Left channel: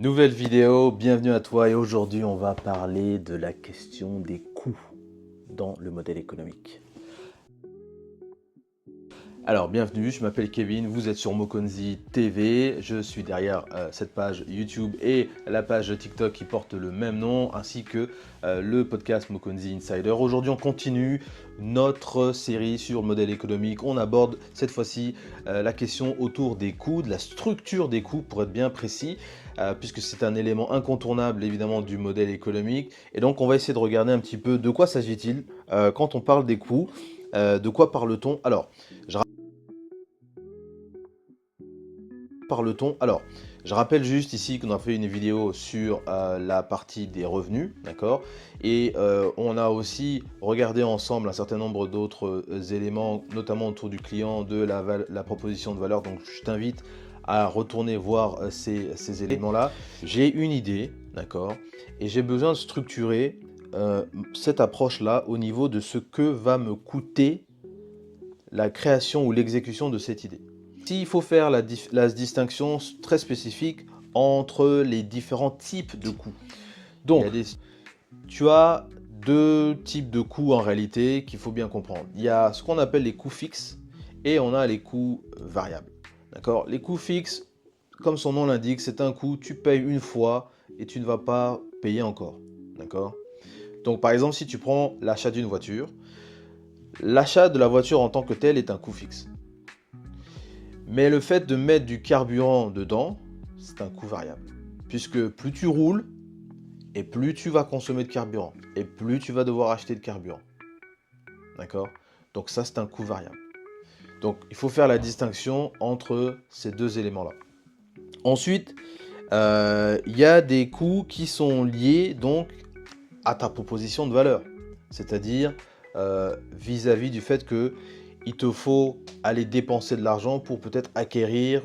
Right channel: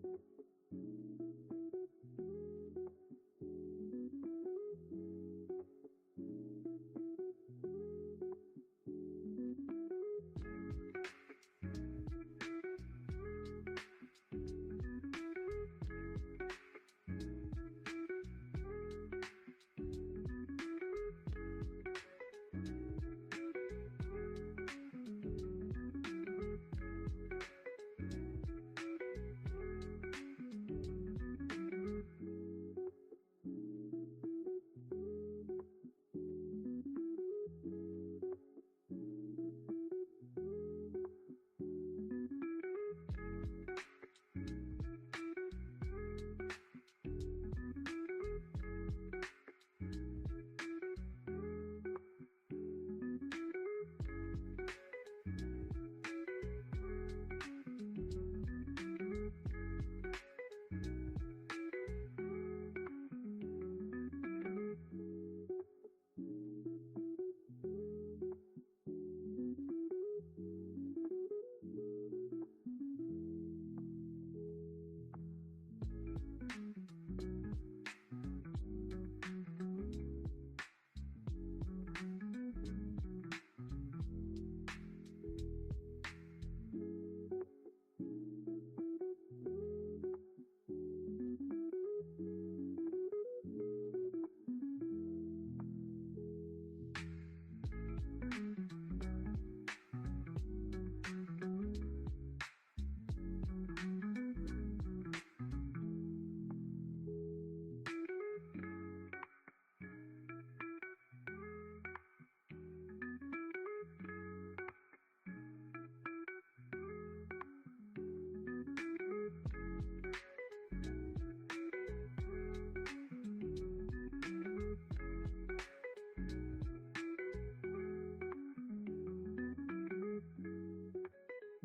Nouvelle vidéo, bienvenue à toi et aujourd'hui on va parler de la question des coûts dans le modèle économique. Alors bienvenue, je m'appelle Kevin, vous êtes sur Mokonzi TV, je suis derrière cette page YouTube et la page TikTok qui porte le même nom ainsi que le podcast Mokonzi Insider. Aujourd'hui on continue notre série sur le modèle économique, on aborde cette fois-ci la question autour des coûts, de la structure des coûts pour être bien précis. Puisque c'est un élément incontournable évidemment du modèle économique. Et donc on va essayer de regarder un petit peu de quoi s'agit-il quand on parle des coûts, de quoi parle-t-on. Alors, je rappelle juste ici qu'on a fait une vidéo sur la partie des revenus, d'accord. Et on a aussi regardé ensemble un certain nombre d'autres éléments, notamment autour du client, de la proposition de valeur. Donc je t'invite à retourner voir ces éléments-là. J'ai une idée, d'accord, et j'ai besoin de structurer cette approche-là au niveau de ce que va me coûter la création ou l'exécution de cette idée. S'il faut faire la distinction très spécifique entre les différents types de coûts. Donc, tu as deux types de coûts en réalité qu'il faut bien comprendre. Il y a ce qu'on appelle les coûts fixes et on a les coûts variables. D'accord. Les coûts fixes, comme son nom l'indique, c'est un coût, tu payes une fois et tu ne vas pas payer encore. D'accord. Donc par exemple, si tu prends l'achat d'une voiture, l'achat de la voiture en tant que tel est un coût fixe. Mais le fait de mettre du carburant dedans, c'est un coût variable. Puisque plus tu roules, et plus tu vas consommer de carburant, et plus tu vas devoir acheter de carburant. D'accord. Donc ça, c'est un coût variable. Donc il faut faire la distinction entre ces deux éléments-là. Ensuite, il y a des coûts qui sont liés donc à ta proposition de valeur. C'est-à-dire vis-à-vis du fait que il te faut aller dépenser de l'argent pour peut-être acquérir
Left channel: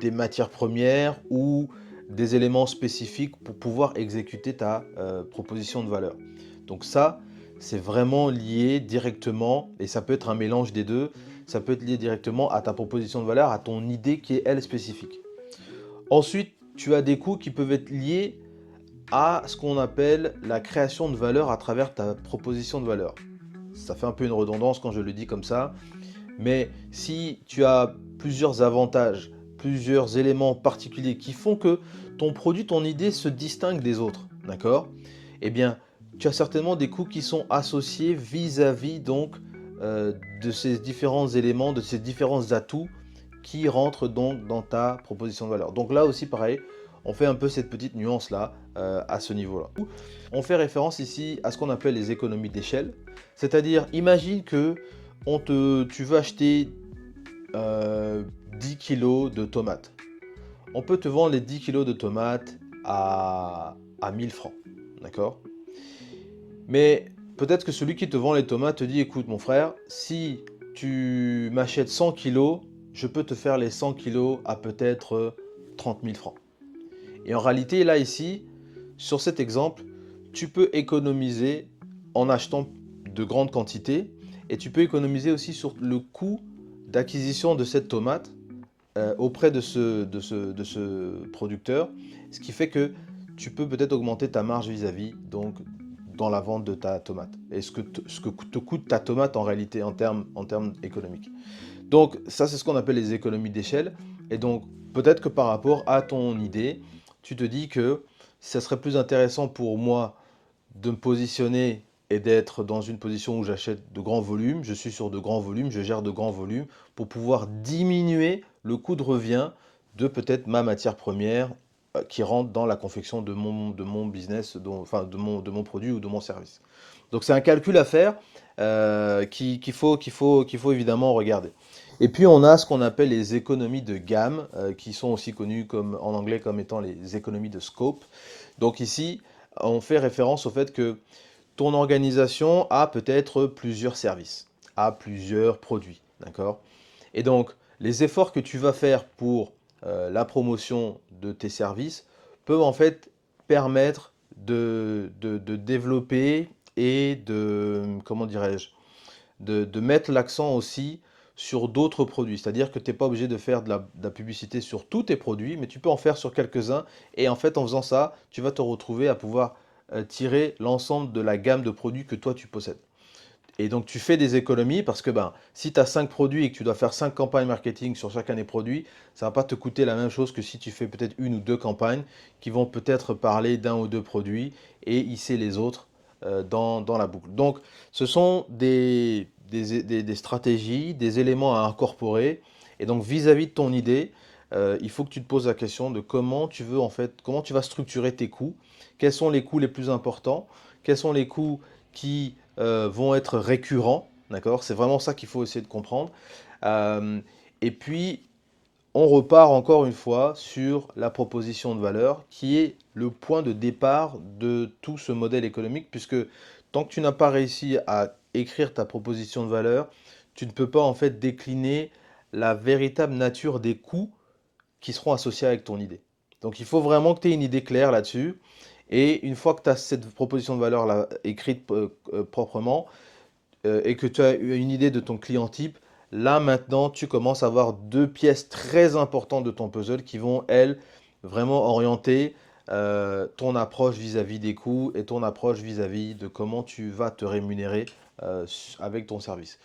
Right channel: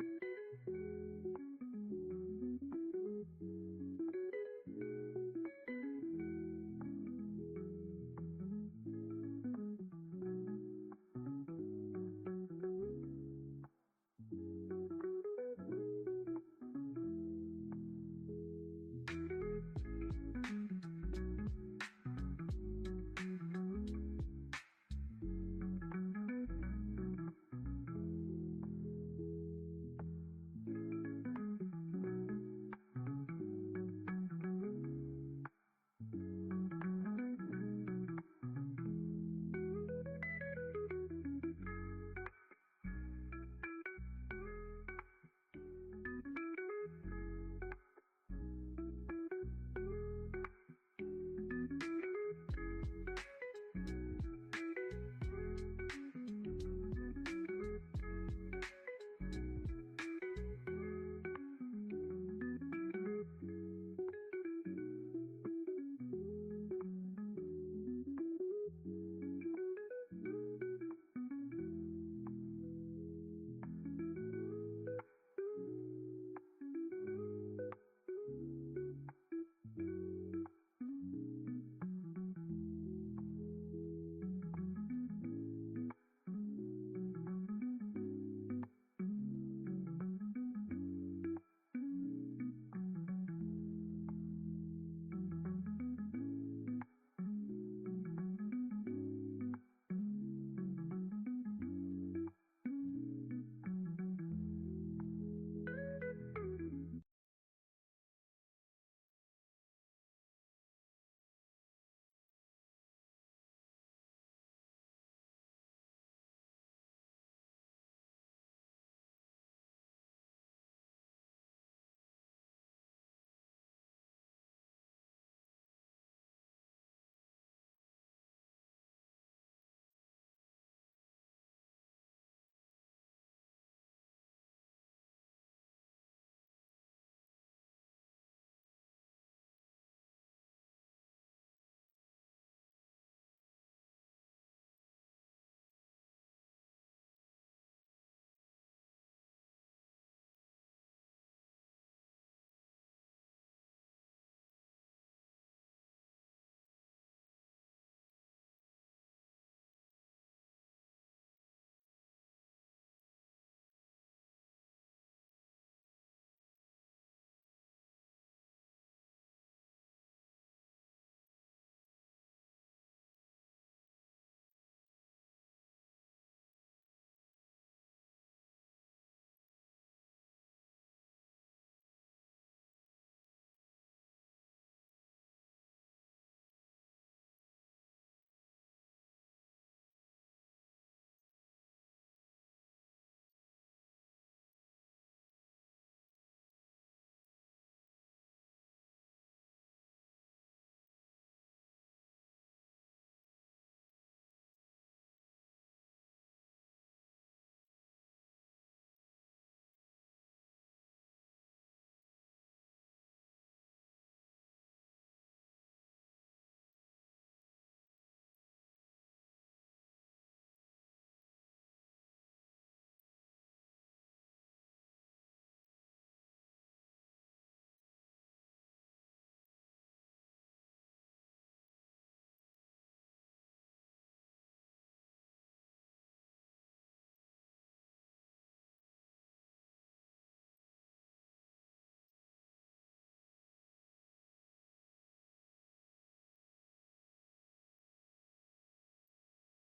des matières premières ou des éléments spécifiques pour pouvoir exécuter ta proposition de valeur. Donc ça, c'est vraiment lié directement, et ça peut être un mélange des deux, ça peut être lié directement à ta proposition de valeur, à ton idée qui est elle spécifique. Ensuite, tu as des coûts qui peuvent être liés à ce qu'on appelle la création de valeur à travers ta proposition de valeur. Ça fait un peu une redondance quand je le dis comme ça, mais si tu as plusieurs avantages, plusieurs éléments particuliers qui font que ton produit, ton idée se distingue des autres, d'accord? Eh bien, tu as certainement des coûts qui sont associés vis-à-vis donc de ces différents éléments, de ces différents atouts qui rentrent donc dans ta proposition de valeur. Donc là aussi, pareil, on fait un peu cette petite nuance-là à ce niveau-là. On fait référence ici à ce qu'on appelle les économies d'échelle, c'est-à-dire imagine que tu veux acheter 10 kilos de tomates. On peut te vendre les 10 kilos de tomates à 1000 francs, d'accord. Mais peut-être que celui qui te vend les tomates te dit, écoute mon frère, si tu m'achètes 100 kilos, je peux te faire les 100 kilos à peut-être 30 000 francs. Et en réalité, là, ici, sur cet exemple, tu peux économiser en achetant de grandes quantités et tu peux économiser aussi sur le coût d'acquisition de cette tomate auprès de ce producteur, ce qui fait que tu peux peut-être augmenter ta marge vis-à-vis donc dans la vente de ta tomate et ce que te coûte ta tomate en réalité en termes économiques. Donc ça, c'est ce qu'on appelle les économies d'échelle. Et donc peut-être que par rapport à ton idée, tu te dis que ça serait plus intéressant pour moi de me positionner et d'être dans une position où j'achète de grands volumes, je suis sur de grands volumes, je gère de grands volumes pour pouvoir diminuer le coût de revient de peut-être ma matière première qui rentre dans la confection de mon business, enfin de mon produit ou de mon service. Donc c'est un calcul à faire qu'il faut évidemment regarder. Et puis on a ce qu'on appelle les économies de gamme, qui sont aussi connues en anglais comme étant les économies de scope. Donc ici, on fait référence au fait que ton organisation a peut-être plusieurs services, a plusieurs produits, d'accord? Et donc, les efforts que tu vas faire pour la promotion de tes services peuvent en fait permettre de développer et comment dirais-je, de mettre l'accent aussi sur d'autres produits. C'est-à-dire que tu n'es pas obligé de faire de la publicité sur tous tes produits, mais tu peux en faire sur quelques-uns. Et en fait, en faisant ça, tu vas te retrouver à pouvoir tirer l'ensemble de la gamme de produits que toi tu possèdes. Et donc tu fais des économies parce que ben, si tu as 5 produits et que tu dois faire 5 campagnes marketing sur chacun des produits, ça ne va pas te coûter la même chose que si tu fais peut-être une ou deux campagnes qui vont peut-être parler d'un ou deux produits et hisser les autres dans la boucle. Donc ce sont des stratégies, des éléments à incorporer. Et donc vis-à-vis de ton idée, il faut que tu te poses la question de comment tu veux en fait, comment tu vas structurer tes coûts, quels sont les coûts les plus importants, quels sont les coûts qui vont être récurrents, d'accord? C'est vraiment ça qu'il faut essayer de comprendre. Euh, et puis, on repart encore une fois sur la proposition de valeur, qui est le point de départ de tout ce modèle économique, puisque tant que tu n'as pas réussi à écrire ta proposition de valeur, tu ne peux pas en fait décliner la véritable nature des coûts qui seront associés avec ton idée. Donc il faut vraiment que tu aies une idée claire là-dessus. Et une fois que tu as cette proposition de valeur là, écrite proprement, et que tu as eu une idée de ton client type, là maintenant tu commences à avoir deux pièces très importantes de ton puzzle qui vont, elles, vraiment orienter ton approche vis-à-vis des coûts et ton approche vis-à-vis de comment tu vas te rémunérer avec ton service.